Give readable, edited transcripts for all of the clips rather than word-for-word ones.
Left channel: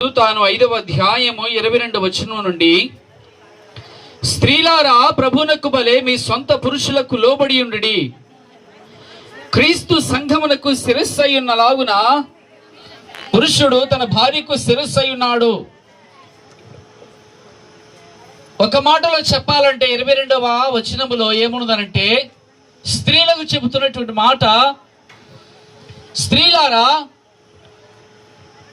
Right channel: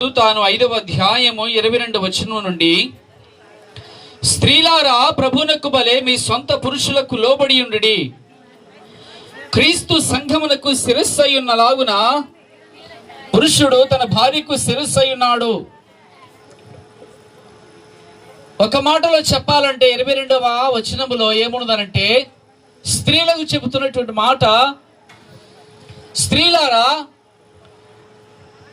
తాను 5వ అధ్యాయము 22వ వచనం నుండి, స్త్రీలారా ప్రభువునకు బలే మీ సొంత పురుషులకు లోబడి ఉండుడి, క్రీస్తు సంఘమునకు శిరస్సు అయి ఉన్నలాగున పురుషుడు తన భార్యకు శిరస్సు అయి ఉన్నాడు. ఒక మాటలో చెప్పాలంటే 22వ వచనములో ఏమున్నదనంటే, స్త్రీలకు చెబుతున్నటువంటి మాట, స్త్రీలారా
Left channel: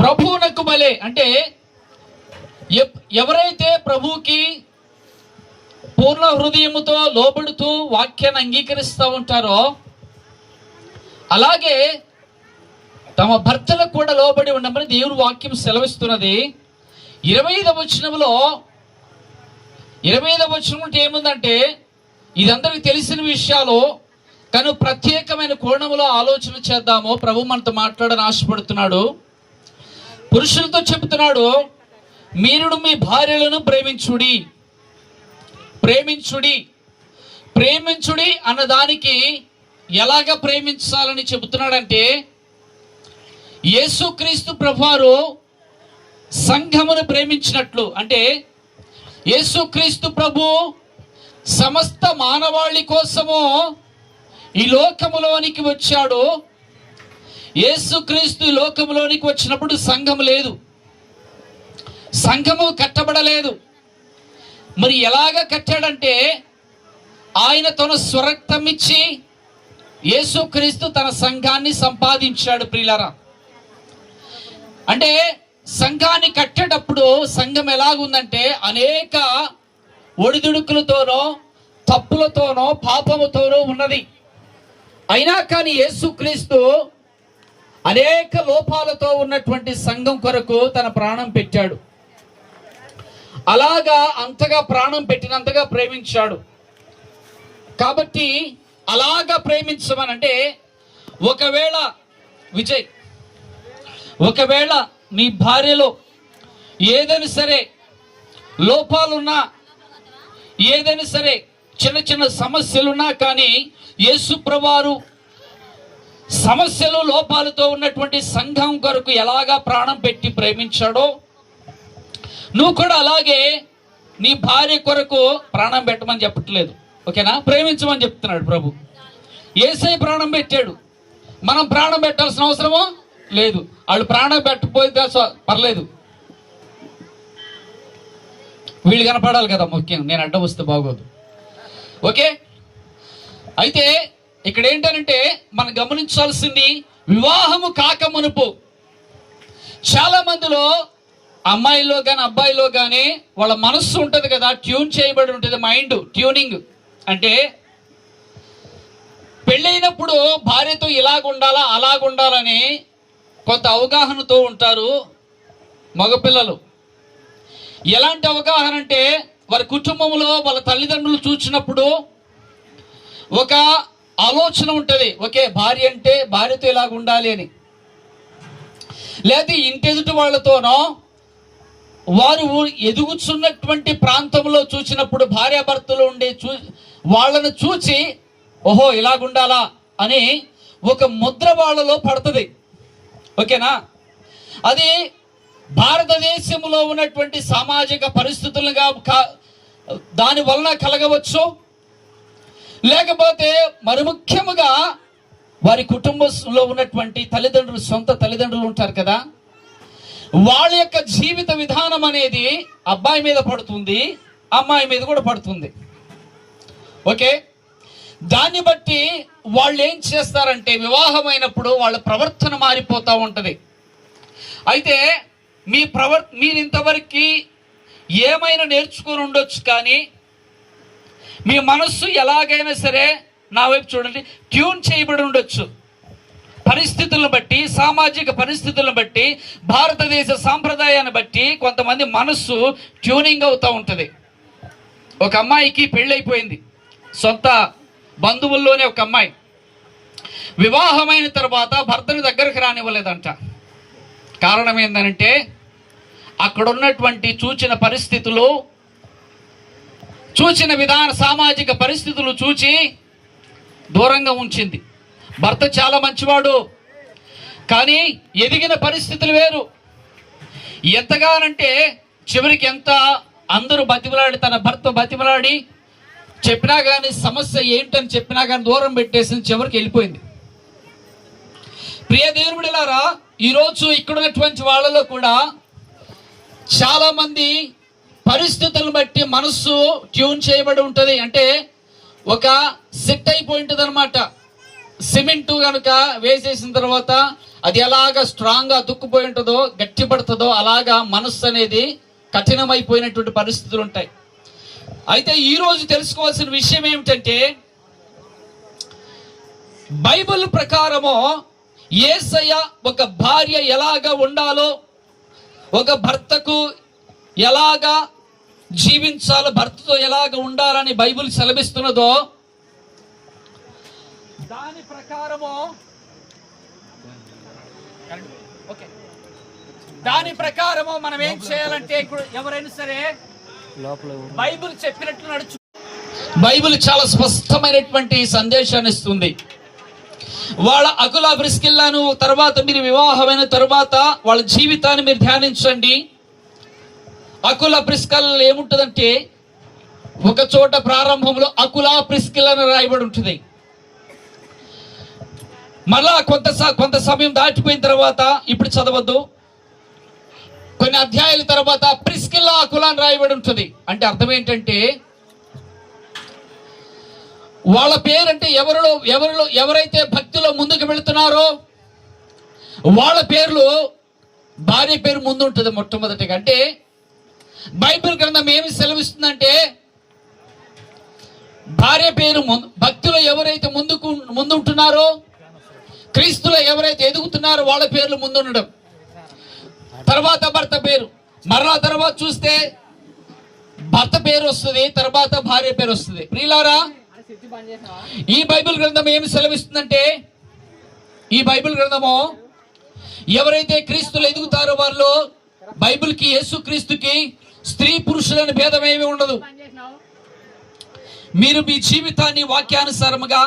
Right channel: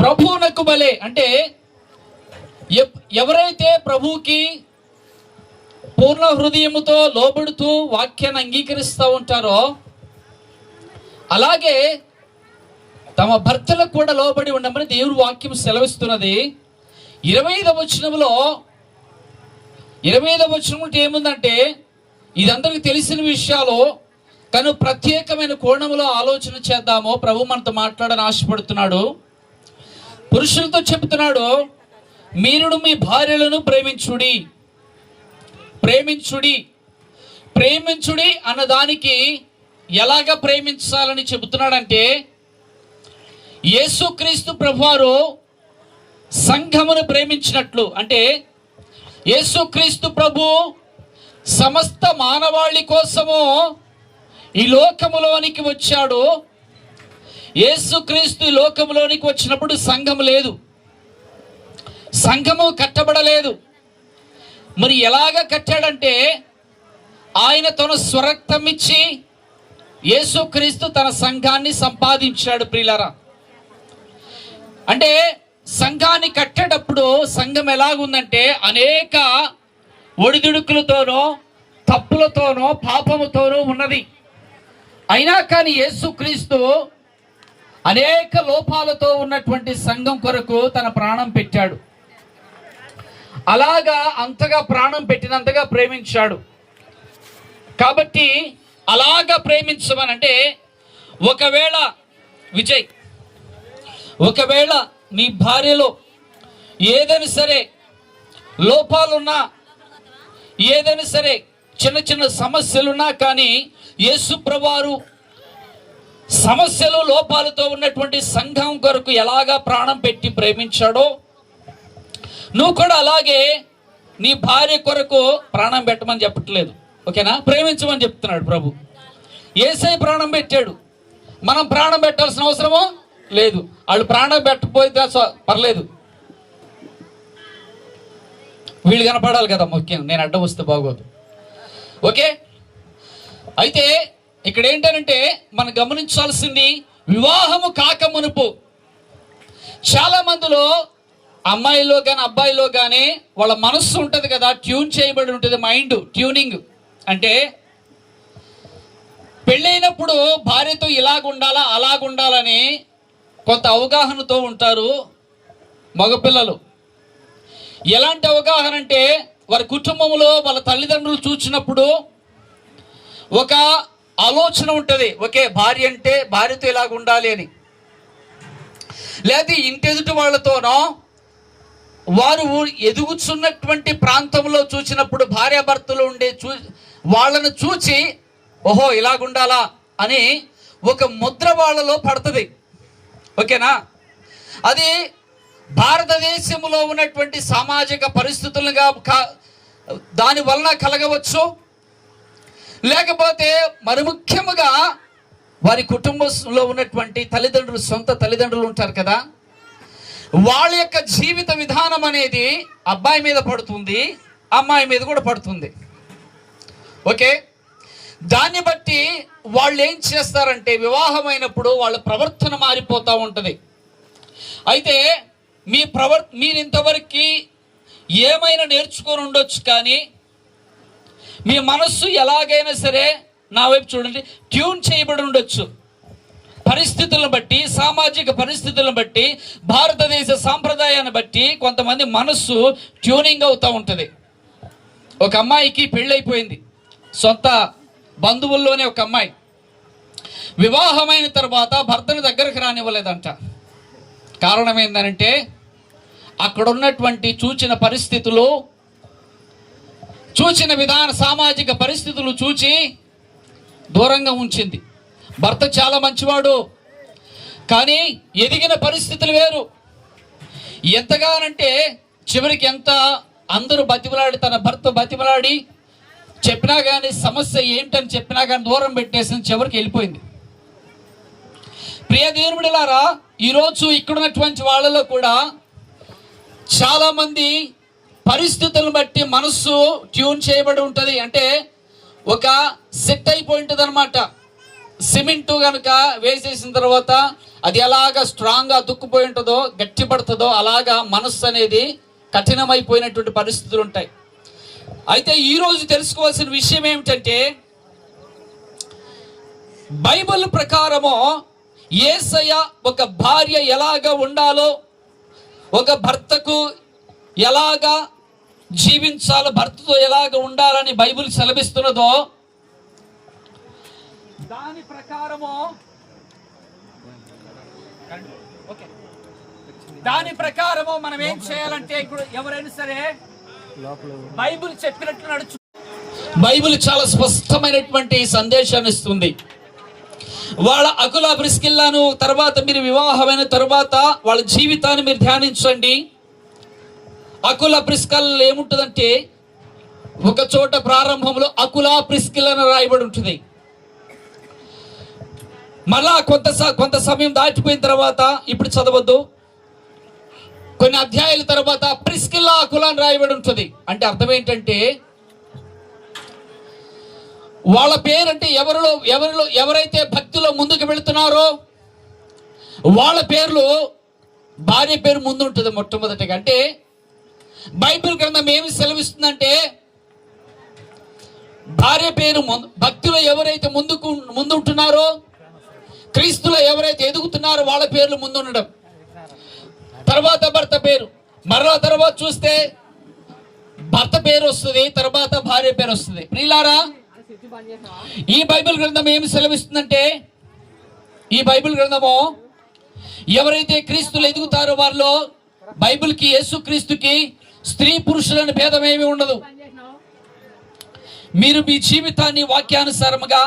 ప్రభువునకు బలే, అంటే ఎవరైతే ప్రభువుకి పూర్ణ హృదయముతో లోబడుతూ వాక్యాన్ని అంగీకరిస్తూ ఉంటారో, అలాగే తమ భర్తలకు కూడా లోబడి ఉండమని దేవుని వాక్యం సెలవిస్తున్నది. 25వ వచనంలో 25వ వచనం ఏముందంటే, ఇదందరికీ తెలిసిన విషయాలు, కానీ ప్రత్యేకమైన కోణంలో ఆలోచన చేద్దాము. ప్రభు మనతో మాట్లాడని ఆశపడుతున్నాడు. పురుషులతో చెబుతున్నాడు, మీరు మీ భార్యలను ప్రేమించుడి. ప్రేమించుడి ప్రేమించుడి అన్నదానికి ఎలాగ ప్రేమించాలని చెబుతున్నాడంటే, యేసుక్రీస్తు ప్రభువారు సంఘమును ప్రేమించినట్లు, అంటే యేసుక్రీస్తు ప్రభు సమస్త మానవాళి కోసము ఈ లోకములోనికి వచ్చాడు. యేసుక్రీస్తు లోకంలోనికి వచ్చినప్పుడు సంఘము లేదు, సంఘము కట్టబడలేదు. మరి ఎలాగ కట్టాడంటే, ఆయన తన స్వరక్తం ఇచ్చి యేసుక్రీస్తు తన సంఘాన్ని సంపాదించాడు. ప్రియులారా, అంటే సంఘాన్ని కట్టేటప్పుడు సంఘం ఎలాగుందంటే, అనేక ఒడిదుడుకులతోనో తప్పులతోనో పాపముతోనో ఉన్నది. అయినా కానీ యేసుక్రీస్తు అనేక లోపాలతో ఉన్నటువంటి సంఘం కొరకు తన ప్రాణం పెట్టాడు. అలాగా అంతగా ప్రాణం పెట్టినంతగా ప్రేమించాడు. కాబట్టి అలాగా ప్రేమించమనంటే, ఒకవేళ విజయ్, ఒకవేళ నీ భార్యలో ఏదైనా సరే లోపాలున్నా, ఏదైనా సరే చిన్న చిన్న సమస్యలున్నా కానీ, యేసు ప్రభువారు సమస్యలు లోపాలతో ఉన్నటువంటి సంఘం కొరకు ఎలాగా ప్రాణం పెట్టి ప్రేమించాడో, నువ్వు కూడా అలాగే నీ భార్య కొరకు ప్రాణం పెట్టమని చెప్పట్లేదు, ఓకేనా? ప్రేమించమని చెప్తున్నాడు ప్రభు. యేసయ్య ప్రాణం పెట్టాడు, మనం ప్రాణం పెట్టాల్సిన అవసరమో లేదు. వాళ్ళు ప్రాణం పెట్టకపోతే పర్లేదు, వీళ్ళు కనపడాలి కదా ముఖ్యంగా. నేను అడ్డం వస్తే బాగోదు, ఓకే? అయితే ఇక్కడ ఏంటంటే, మనం గమనించాల్సింది, వివాహము కాక మునుపు చాలా మందిలో, అమ్మాయిలో కానీ అబ్బాయిలో కానీ వాళ్ళ మనస్సు ఉంటుంది కదా, ట్యూన్ చేయబడి ఉంటుంది. మైండ్ ట్యూనింగ్ అంటే, పెళ్ళైనప్పుడు భార్యతో ఇలాగుండాలా అలాగుండాలని కొంత అవగాహనతో ఉంటారు మగపిల్లలు. ఎలాంటి అవగాహన అంటే, వారి కుటుంబంలో వాళ్ళ తల్లిదండ్రులు చూసినప్పుడు ఒక ఆలోచన ఉంటుంది, ఓకే భార్య అంటే భార్యతో ఇలాగ ఉండాలి అని. లేదా ఇంటెదుటి వాళ్ళతోనో వారు ఎదుగుతున్నటువంటి ప్రాంతంలో చూసినప్పుడు భార్యాభర్తలు ఉండే వాళ్ళను చూసి, ఓహో ఇలాగుండాలా అని ఒక ముద్ర వాళ్ళలో పడుతుంది, ఓకేనా? అది భారతదేశంలో ఉన్నటువంటి సామాజిక పరిస్థితులుగా దాని వలన కలగవచ్చు, లేకపోతే మరి ముఖ్యముగా వారి కుటుంబంలో ఉన్నటువంటి తల్లిదండ్రులు, సొంత తల్లిదండ్రులు ఉంటారు కదా, వాళ్ళ యొక్క జీవిత విధానం అనేది అబ్బాయి మీద పడుతుంది, అమ్మాయి మీద కూడా పడుతుంది, ఓకే? దాన్ని బట్టి వాళ్ళు ఏం చేస్తారంటే, వివాహమైనప్పుడు వాళ్ళ ప్రవర్తన మారిపోతూ ఉంటుంది. అయితే మీరు ఇంతవరకు ఏమైనా నేర్చుకొని ఉండొచ్చు, కానీ మీ మనస్సు ఎలాగైనా సరే, నా వైపు చూడండి, ట్యూన్ చేయబడి ఉండొచ్చు. పరిస్థితులను బట్టి, సామాజిక పరిస్థితులను బట్టి, భారతదేశ సాంప్రదాయాన్ని బట్టి కొంతమంది మనస్సు ట్యూనింగ్ అవుతూ ఉంటుంది. ఒక అమ్మాయికి పెళ్ళైపోయింది, సొంత బంధువుల్లోనే ఒక అమ్మాయి. వివాహమైన తర్వాత భర్తను దగ్గరకు రానివ్వలేదంట. కారణం ఏంటంటే, అక్కడ ఉన్నటువంటి చూచిన పరిస్థితులు, చూసిన విధాన సామాజిక పరిస్థితులు చూచి దూరంగా ఉంచింది. భర్త చాలా మంచివాడు, కానీ ఎదిగిన పరిస్థితులు వేరు. ఎంతగానంటే చివరికి ఎంత అందరూ బతిమలాడి, తన భర్త బతిమలాడి చెప్పినా కానీ సమస్య ఏంటని చెప్పినా కానీ దూరం పెట్టేసి చివరికి వెళ్ళిపోయింది. ప్రియ దేవుని బిడ్డలారా, ఈరోజు ఇక్కడున్నటువంటి వాళ్ళలో కూడా చాలా మంది పరిస్థితులను బట్టి మనస్సు ట్యూన్ చేయబడి ఉంటుంది. అంటే ఒక సెట్ అయిపోయి ఉంటుంది అనమాట. సిమెంట్ కనుక వేసేసిన తర్వాత అది ఎలాగా స్ట్రాంగ్గా దుక్కుపోయి ఉంటుందో, గట్టిపడుతుందో, అలాగా మనస్సు అనేది కఠినమైపోయినటువంటి పరిస్థితులు ఉంటాయి. అయితే ఈరోజు తెలుసుకోవాల్సిన విషయం ఏమిటంటే, బైబిల్ ప్రకారము యేసయ్య ఒక భార్య ఎలాగా ఉండాలో, ఒక భర్తకు ఎలాగా జీవించాలో, భర్తతో ఎలాగ ఉండాలని బైబిల్ సెలవిస్తున్నదో దాని ప్రకారము మనం ఏం చేయాలంటే, ఇప్పుడు ఎవరైనా సరే బైబిల్ చెప్పినట్లు నడుచు. బైబిల్ చాలా స్పష్టమైనటువంటి సందేశాన్ని ఇస్తుంది. వాళ్ళ అకుల ప్రిస్కిల్లాను తర్వాత మీరు వివాహమైన తర్వాత వాళ్ళ జీవితాన్ని మీరు ధ్యానించండి. అకుల ప్రిస్కిల్ ఏముంటుందంటే, ఒక చోట ప్రారంభంలో అకుల ప్రిస్కిల్ అని రాయబడి ఉంటుంది. మళ్ళా కొంత సమయం దాటిపోయిన తర్వాత, ఇప్పుడు చదవద్దు, కొన్ని అధ్యాయాల తర్వాత ప్రిస్కిల్లా అకుల అని రాయబడి ఉంటుంది. అంటే అర్థం ఏంటంటే, వాళ్ళ పేరంటే ఎవరైతే భక్తిలో ముందుకు వెళుతున్నారో వాళ్ళ పేర్లు, భార్య పేరు ముందు ఉంటుంది మొట్టమొదటిగా. అంటే బైబిల్ గ్రంథం ఏమి సెలవిస్తుందంటే, భార్య పేరు భక్తిలో ఎవరైతే ముందుంటున్నారో, క్రీస్తులో ఎవరైతే ఎదుగుతున్నారో వాళ్ళ పేర్లు ముందుండడం, తర్వాత భర్త పేరు, మరలా తర్వాత చూస్తే భర్త పేరు వస్తుంది, తర్వాత భార్య పేరు వస్తుంది. ప్రియులారా, ఈ బైబిల్ గ్రంథం ఏమి సెలవిస్తుందంటే, ఈ బైబిల్ గ్రంథము ఎవరైతే క్రీస్తులో ఎదుగుతారో వాళ్ళు, బైబిల్కి, యేసు క్రీస్తుకి స్త్రీ పురుషులని భేదం ఏమీ ఉండదు. మీరు మీ జీవితాన్ని వాక్యానుసారముగా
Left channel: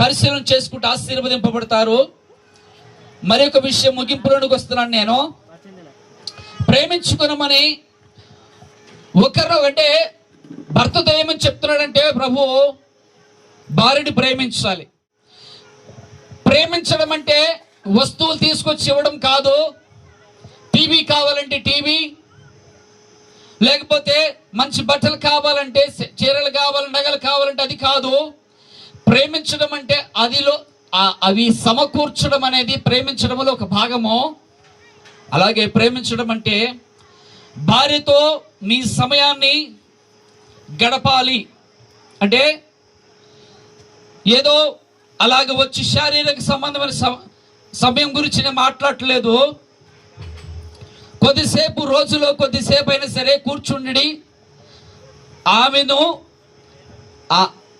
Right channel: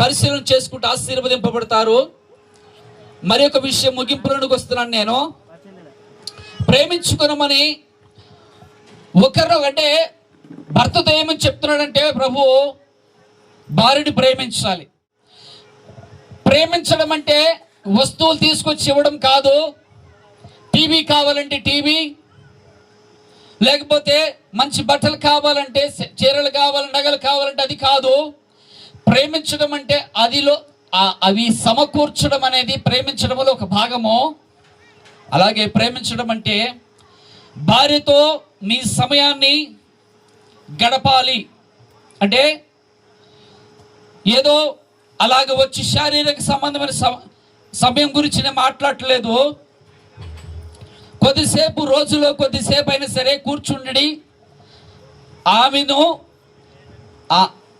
పరిశీలన చేసుకుంటూ ఆశీర్వదింపబడతారు. మరి ఒక విషయం ముగింపులోనికి వస్తున్నాను నేను. ప్రేమించుకునమని ఒకరు, అంటే భర్తతో ఏమని చెప్తున్నాడంటే, ప్రభు భార్యని ప్రేమించాలి. ప్రేమించడం అంటే వస్తువులు తీసుకొచ్చి ఇవ్వడం కాదు. టీవీ కావాలంటే టీవీ, లేకపోతే మంచి బట్టలు కావాలంటే, చీరలు కావాలంటే, నగలు కావాలంటే అది కాదు. ప్రేమించడం అంటే అవి సమకూర్చడం అనేది ప్రేమించడంలో ఒక భాగము. అలాగే ప్రేమించడం అంటే భార్యతో నీ సమయాన్ని గడపాలి. అంటే ఏదో అలాగ వచ్చి శారీరక సంబంధమైన సమయం గురించి నేను మాట్లాడట్లేదు. కొద్దిసేపు, రోజులో కొద్దిసేపు అయినా సరే కూర్చుండి ఆమెను,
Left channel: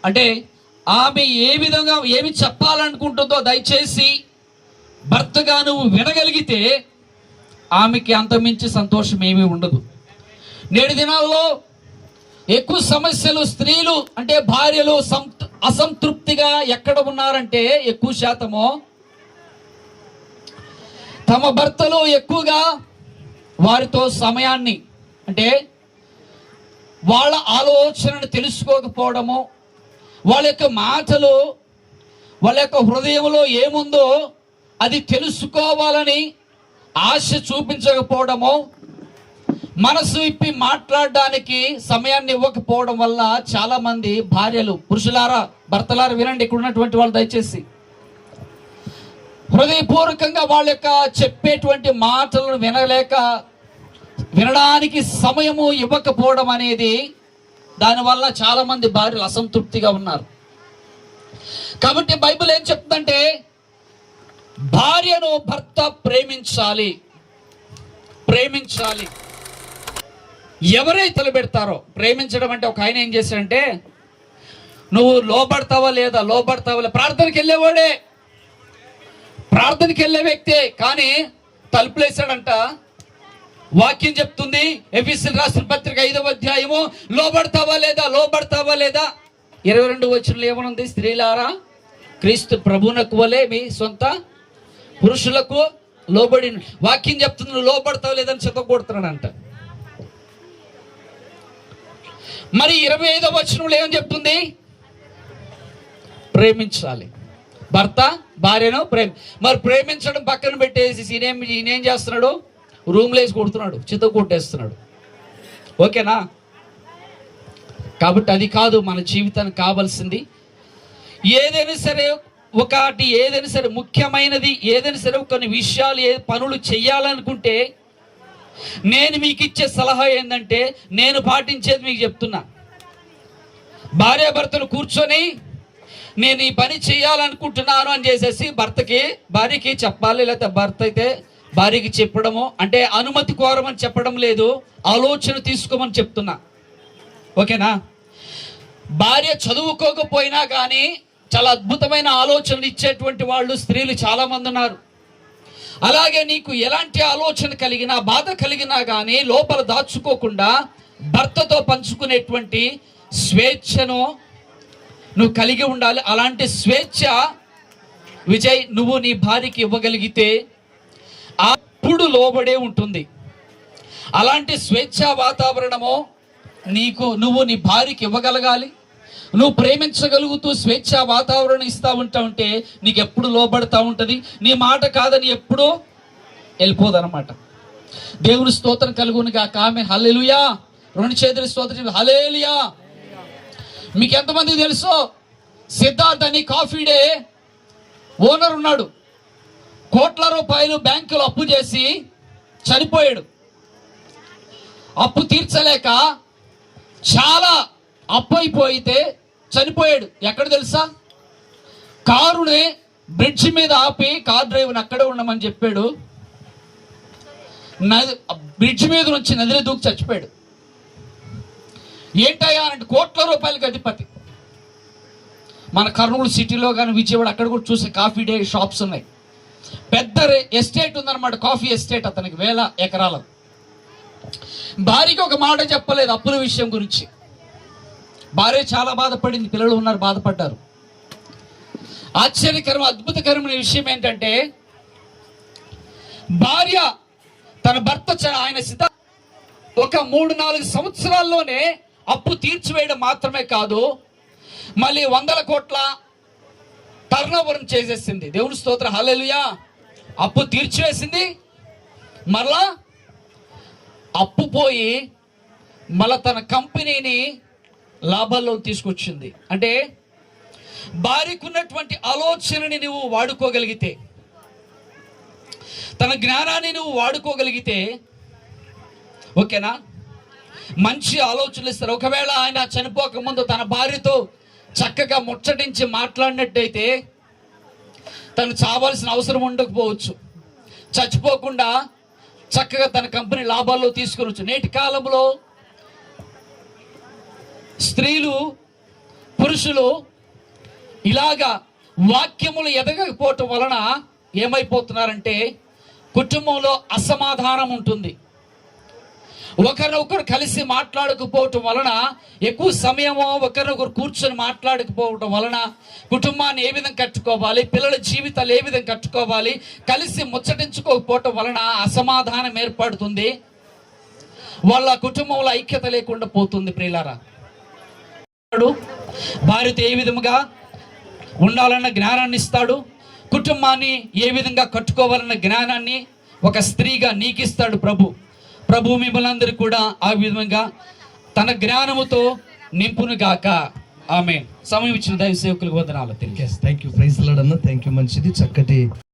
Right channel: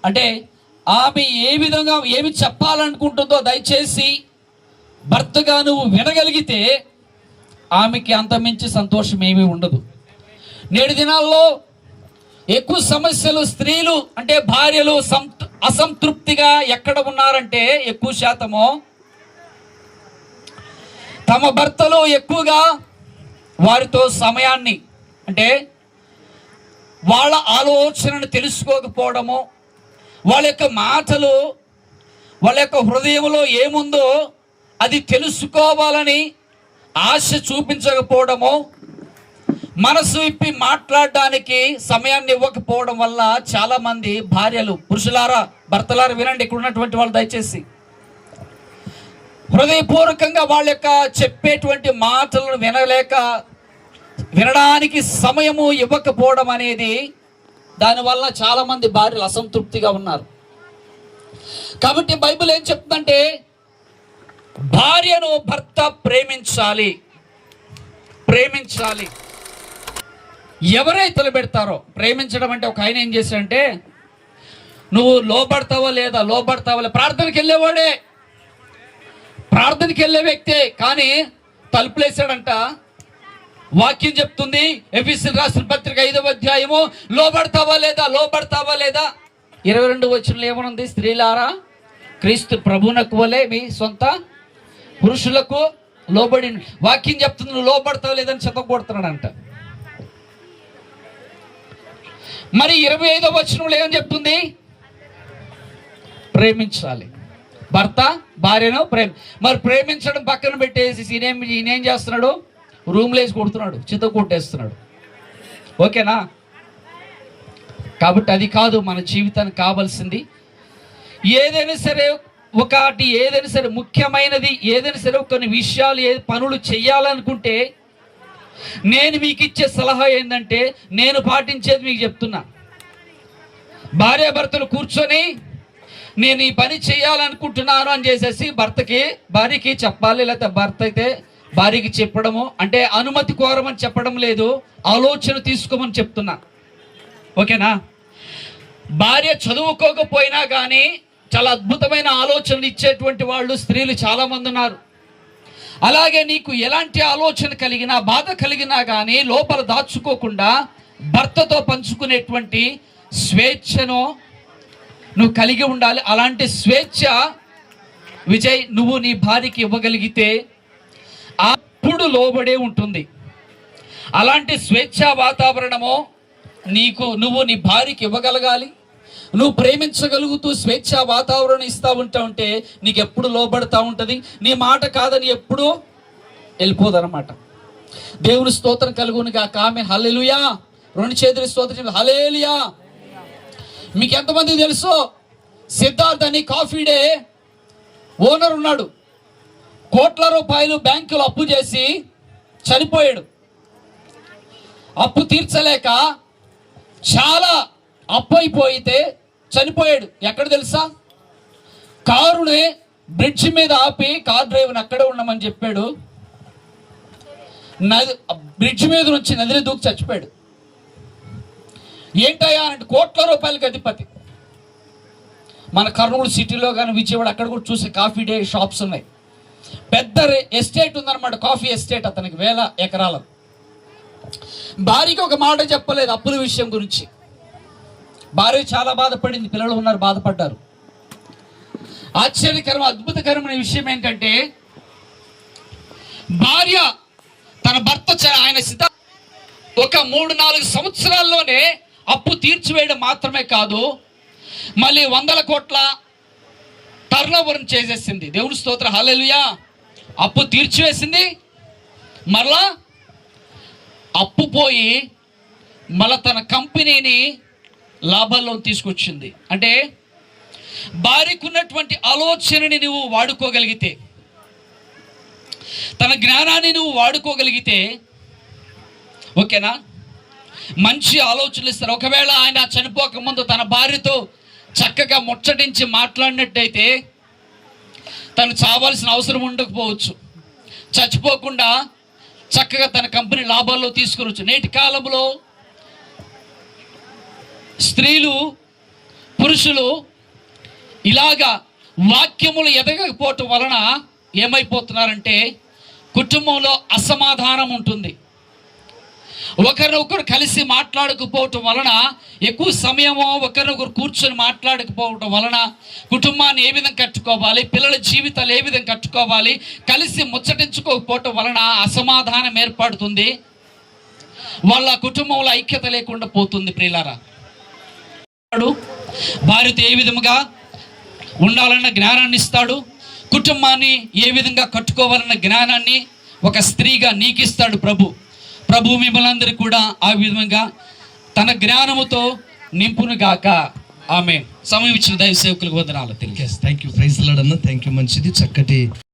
అంటే ఆమె ఏ విధంగా ఏమి చెప్పాలనుకుంటుందో దయచేసి భర్తగా నువ్వు వినగలిగితే ఆమెకి అంతమించి సంతోషం ఏమీ ఉండదు. నేటి దినాల్లో ఎక్కువ సమస్యలు, స్త్రీలు అంటే భార్యలు అసంతృప్తిగా ఎక్కడ ఉన్నారంటే, ఎక్కువ శాతము తమ భర్తలు ఎక్కువగా వారితో సమయాన్ని, అంటే వాళ్ళ ఆలోచనను తెలుసుకోకపోవడము, వాళ్ళ యొక్క మాటలు, వాళ్ళ యొక్క హృదయంలో ఏముందో అది తెలుసుకోవాలని ఆశ చూపించకపోవడము, మనసు ఇప్పి మాట్లాడడానికి సమయాన్ని ఇవ్వకపోవడం వల్ల చాలా మంది భార్యలు, పురుషులారా, భర్తలారా వినండి, ఇక్కడ ఉన్నటువంటి వాళ్ళు దయచేసి హృదయపూర్వకంగా వాళ్ళ యొక్క చెప్పేటువంటి మాటలను వినడానికి సమయము ఇవ్వకపోవడం అనేది, దానివల్ల చాలా మంది భార్యలు అసంతృప్తిగా ఉన్నారు. కాబట్టి బైబిల్ ఏం చెప్తుందంటే, భార్యను భర్త ప్రేమించాలి. ఎవరైతే పెడతారో ప్రేమించడం అంటే, ఒక ఆయన ఏం చేశాడంటే, నువ్వు లోబడతావా లేదా, ప్రార్థనకి వెళ్ళేవాడే, ప్రార్థనకి వెళ్ళే వ్యక్తే, కానీ తలుపులేసాడంట. వాక్యం చెప్తుంది, ఎఫెసీయులకు రాసిన పత్రిక 5వ అధ్యాయము, లోబడతావా లేదా 22 వచనంలో ఏమనుంది, స్త్రీలారా క్రీస్తు ప్రభువునకు వలె మీ సొంత పురుషులకు లోబడి, వాక్యం చెప్తుంది నువ్వు లోబడతావు లేదని చెత్తకొడుతున్నాడంట. మరి 25వ వచనంలో ఏమని చెప్తుంది? ప్రేమించాలి. భర్త భార్యను మరి ప్రేమించడం పక్కన పెట్టేసి ఈయనేం చేస్తున్నాడు? రూమ్లో వేసి కొడుతున్నాడు, చిత్త కొట్టేస్తున్నాడు. ఓకేనా? కాబట్టి అది కాదు మన జీవితానికి కావాల్సింది. ఏదైనా సరే ఏదైనా సరే ముఖ్యమైనది, ఏదైనా సరే కొన్ని విషయాలు పనులు చెయ్యాలనుకుంటే నేను మీకు ఇచ్చే సలహా ఏంటంటే, నేను పాటించేది మీకు చెప్తున్నా. భార్యాభర్తలు కూర్చొని నేను ఈ పని చేయాలనుకుంటున్నాను అని చేసేసి భార్యకి చెప్పాలి, లేకపోతే భర్త అయితే భార్యకి చెప్పడము, అంటే అనుమతి కోరమని చెప్పడం లేదు, ఆలోచన తీసుకోమని చెప్తున్నా. ఓకేనా? భార్య చదువుకోకపోయినా కానీ చాలా అద్భుతమైన ఆలోచనలు ఇచ్చేటువంటి వాళ్ళు స్త్రీలు చాలా మంది ఉన్నారు. అలాగే నీకు ఎలాంటి ఆలోచన కలిగినా, బాధ కలిగినా కానీ లోపల దాచుకోకుండా భర్తతో పంచుకునేటువంటి స్వేచ్ఛను నువ్వు కలిగి ఉండాలి. అలాంటి స్వేచ్ఛ విజయ్ నువ్వు నీ భార్యకి ఇవ్వగలిగితే అప్పుడు లోబడే ఉంటుంది. అలాంటి స్వేచ్ఛా వాతావరణము నువ్వు నీ భార్యకి ఇవ్వగలగాలి. నువ్వు ప్రేమించగలుగుతూ స్వేచ్ఛా వాతావరణం ఇస్తూ ఉంటే నీకు ఎప్పుడు లోబడతా ఉంటుంది. నీ మాట కాదని ఎప్పుడు వెళ్ళిపోదన్నమాట. దేవుని స్తోత్రం కలుగునుగా. ఆమె హల్లెలూయా. 2 చేతుల స్తోత్రం హల్లెలూయా. మీకు ఎంతమంది తెలుసో, సిద్ధార్థ్ అని కాఫీ డే ఓనర్ ఉన్నాడు. కోట్ల రూపాయలు బ్యాంకులో అప్పు చేసి చనిపోయాడు. అప్పు తీర్చలేక చాలా అప్పు అయిపోయితే చనిపోయాడు. ఎక్కడ తెలుసా? కారుని బ్రిడ్జి మీద ఆపి కార్ డ్రైవర్ని అక్కడే ఉండమని చెప్పాడు. బ్రిడ్జి మీద నుంచి నదిలో దూకి చచ్చిపోయాడు. ఏంటయ్యా అంటే, కోట్ల రూపాయలకి అధిపతి. మన కర్నూలు సిటీలో కానీ విజయవాడ అక్కడ కూడా చూసి కాఫీ డే షాప్స్ ఉన్నాయి. పెద్ద ఎస్టేట్ ఉందన్నమాట, కాఫీ ఎస్టేట్ అతనికి 1000 ఎకరాలు. భార్యకి ఒక మాట చెప్పలేదు అప్పుల విషయం గురించి. భార్య చాలా బాధపడింది, పిల్లలు ఉన్నారు, బాధపడ్డారు. ఆశ్చర్యకరం అద్భుతకరమైన విషయం ఏంటంటే, భార్య తన భర్త ఆయన ఒక 3-4 సంవత్సరాల్లోనే అప్పు తీర్చివేయడం మాత్రమే కాదు, మళ్ళీ 100 కోట్ల టర్నోవర్ చేసేసింది. దేవుని స్తోత్రం హల్లెలూయా. అప్పు తీర్చివేసింది, మరలా అప్పు పోయి మళ్ళా తన కంపెనీని లాభాల్లో తీసుకొచ్చింది. అంటే భార్యకున్నటువంటి ఆలోచనని నువ్వు వాడుకోగలిగితే, తన జ్ఞానాన్ని నువ్వు వాడుకోగలిగితే, ఓకేనా, మంచి ఆలోచనలు ఇస్తారు. ఒకవేళ ఆయన చనిపోకముందు తన భార్యతో చక్కగా ముచ్చటించి మాట్లాడినట్టయితే తను చావాల్సిన అవసరం ఉండకపోవచ్చు. చచ్చిపోకుండా చక్కగా తన కంపెనీ లాభాల్లో తీసుకురవచ్చు. నేటి కాలంలో స్త్రీలు పురుషులు ఇలాగా వాక్యములు ఎదగకపోవటం వలన ఏమైపోతున్నారంటే, కుటుంబంలో అసమాధానం ఉంటుంది. ఒకరినొకరు కలిసి మాట్లాడకపోవటం వలన, ఎక్కువ సమయమో ఒకరినొకరు కూర్చొని మాట్లాడకపోవటం వలన కుటుంబాన్ని ఏ విధంగా కట్టుకోవాలి, పిల్లల జీవితాలు ఏ విధంగా కట్టుకోవాలి, కలిసి ముచ్చటించుకోకపోవటం వలన అసమాధానం ఏర్పడుతుంది. వాళ్ళ కుటుంబంలో ఐక్యత లేకుండా పోతుంది. ప్రియులారా, భార్యతో ఏ విధంగా ఉండాలన్న జ్ఞానాన్ని ఇస్తాడు. కుటుంబాన్ని ఏ విధంగా కట్టుకోవాలన్న జ్ఞానాన్ని ఒక స్త్రీగా నీకు ఇస్తాడు ప్రభు. ప్రభు మిమ్మల్ని అందరికీ కూడా ఆ విధంగా తన జ్ఞానముతో నింపును గాక. ఆమేన్. సమయం ఇచ్చిన దైవ సేవకులకు వందనాలు. Thank you. ప్రైజ్ లార్డ్ అన్న. Thank you. మంచిది, చక్కటి